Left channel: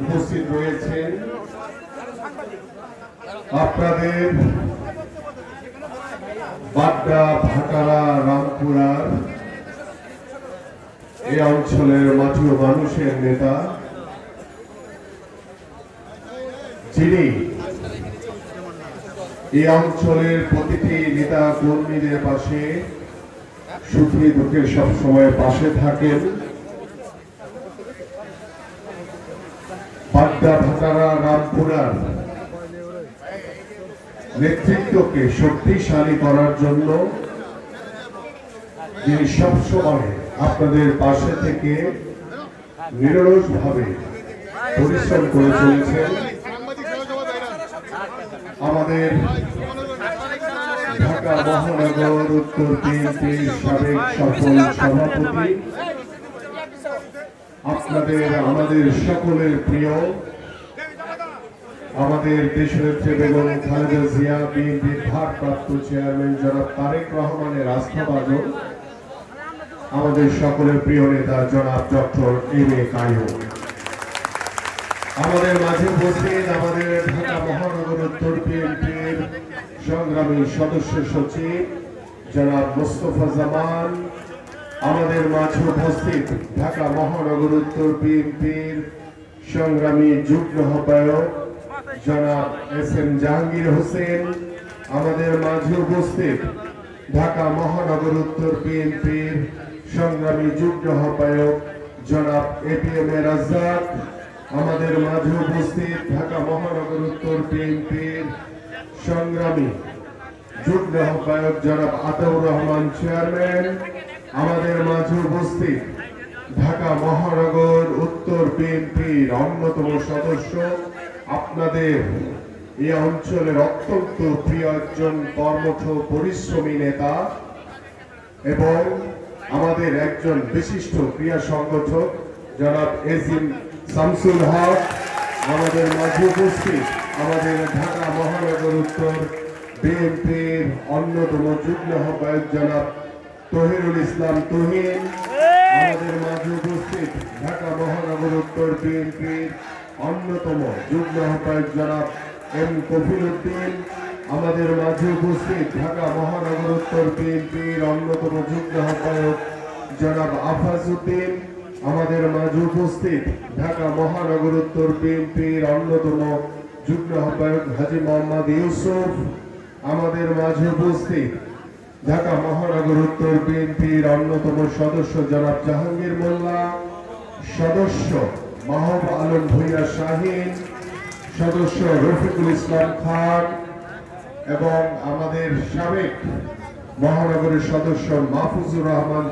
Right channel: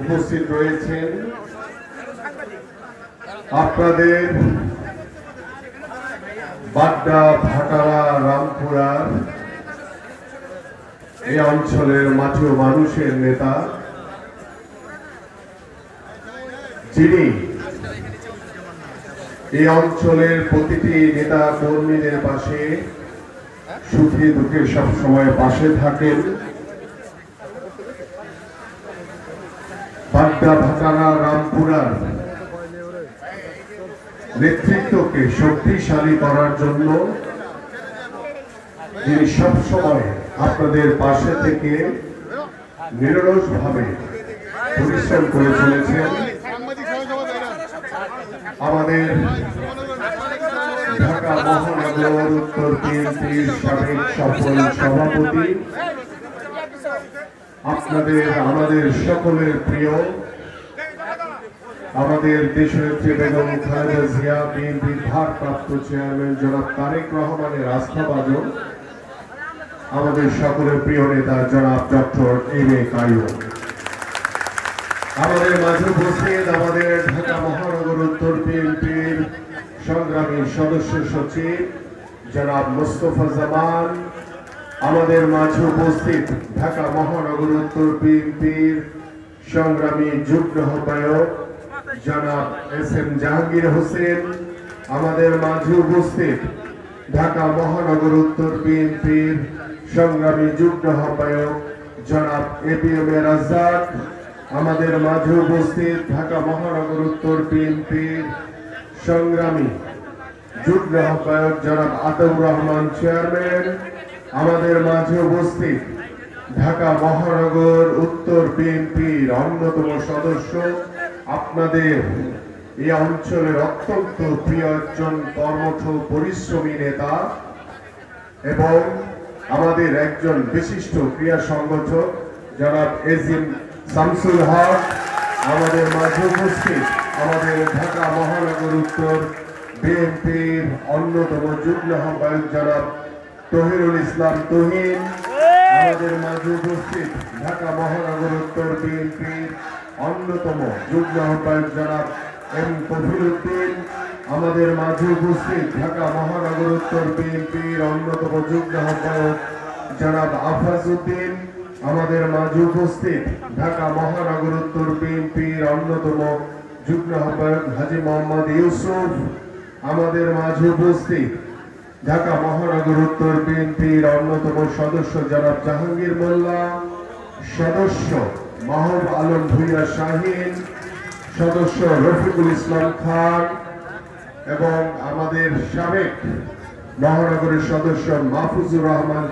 উপস্থিত রয়েছেন আপনাদের বাড্ডা ভাটারা রামপুরার এই অঞ্চলের মাঠে মানুষের নেতা, যিনি এই অঞ্চলের প্রতিটি নেতা কর্মীদের পাশে সুখী দুঃখে সবসময় পাশে থাকেন। বাড্ডা ভাটারা রামপুরার নেতৃত্বকে শক্তিশালী করার জন্য যিনি সবসময় আপনাদের পাশে থেকে নিরলসভাবে পরিশ্রম করে চলেছেন, আমাদের ঢাকা মহানগর উত্তর বিএনপির সাবেক সফল সভাপতি, আপনাদের আমাদের সকলের প্রিয় আমাদের দেশনেত্রী বেগম খালেদা জিয়া, বিএনপির ভারপ্রাপ্ত চেয়ারম্যান জনাব তারেক রহমানের আস্থাভাজন, আমাদের সকলের প্রিয় নেতা জনাব ডক্টর এম.এ. কাইয়ুম, আমাদের মাঝে উপস্থিত আমাদের ঢাকা মহানগর উত্তর বিএনপির সংগ্রামী সদস্য সচিব জনাব মোস্তফা জামান, আমাদের মাঝে উপস্থিত ঢাকা মহানগর উত্তর বিএনপির সংগ্রামী যুগ্ম আহ্বায়ক জনাব এস.এম. জাহাঙ্গীর হোসেন, আমাদের মাঝে উপস্থিত ঢাকা মহানগর উত্তর বিএনপির সংগ্রামী যুগ্ম আহ্বায়ক জনাব এ.পি.এম. রাজ্জাক, আমাদের মাঝে উপস্থিত ঢাকা মহানগর উত্তর বিএনপির সংগ্রামী যুগ্ম আহ্বায়ক জনাব আতাউর রহমান চেয়ারম্যান, আমাদের মাঝে উপস্থিত ঢাকা মহানগর উত্তর বিএনপির অন্যতম সদস্য, আপনাদের এই অঞ্চলের অত্যন্ত প্রিয় একজন কর্মঠ পরিশ্রমী নেতা এবং আমাদের একজন বিশিষ্ট ক্রীড়া সংগঠক জনাব এজিম শামসুল হক, আমাদের মাঝে উপস্থিত আমাদের ঢাকা মহানগর উত্তর বিএনপির অন্যতম যুগ্ম আহ্বায়ক জনাব তহিরুল ইসলাম তহিন, আমাদের মাঝে উপস্থিত ঢাকা মহানগর উত্তর বিএনপির অন্যতম যুগ্ম আহ্বায়ক জনাব এম কফিল উদ্দিন, আমাদের মাঝে উপস্থিত ঢাকা মহানগর উত্তর বিএনপির অন্যতম যুগ্ম আহ্বায়ক জনাব আফাজ উদ্দিন, আমাদের মাঝে উপস্থিত ঢাকা মহানগর উত্তর বিএনপির অন্যতম যুগ্ম আহ্বায়ক হাজী মোহাম্মদ ইউসুফ, আমাদের মাঝে উপস্থিত ঢাকা মহানগর উত্তর বিএনপির অন্যতম সদস্য জনাব জাহাঙ্গীর মোল্লা, সদস্য মাহবুব আলম ভূঁইয়া শাহীন, সদস্য রফিকুল ইসলাম খান এবং আমাদের সাবেক মহানগরের সদস্য মাহফুজুর রহমান।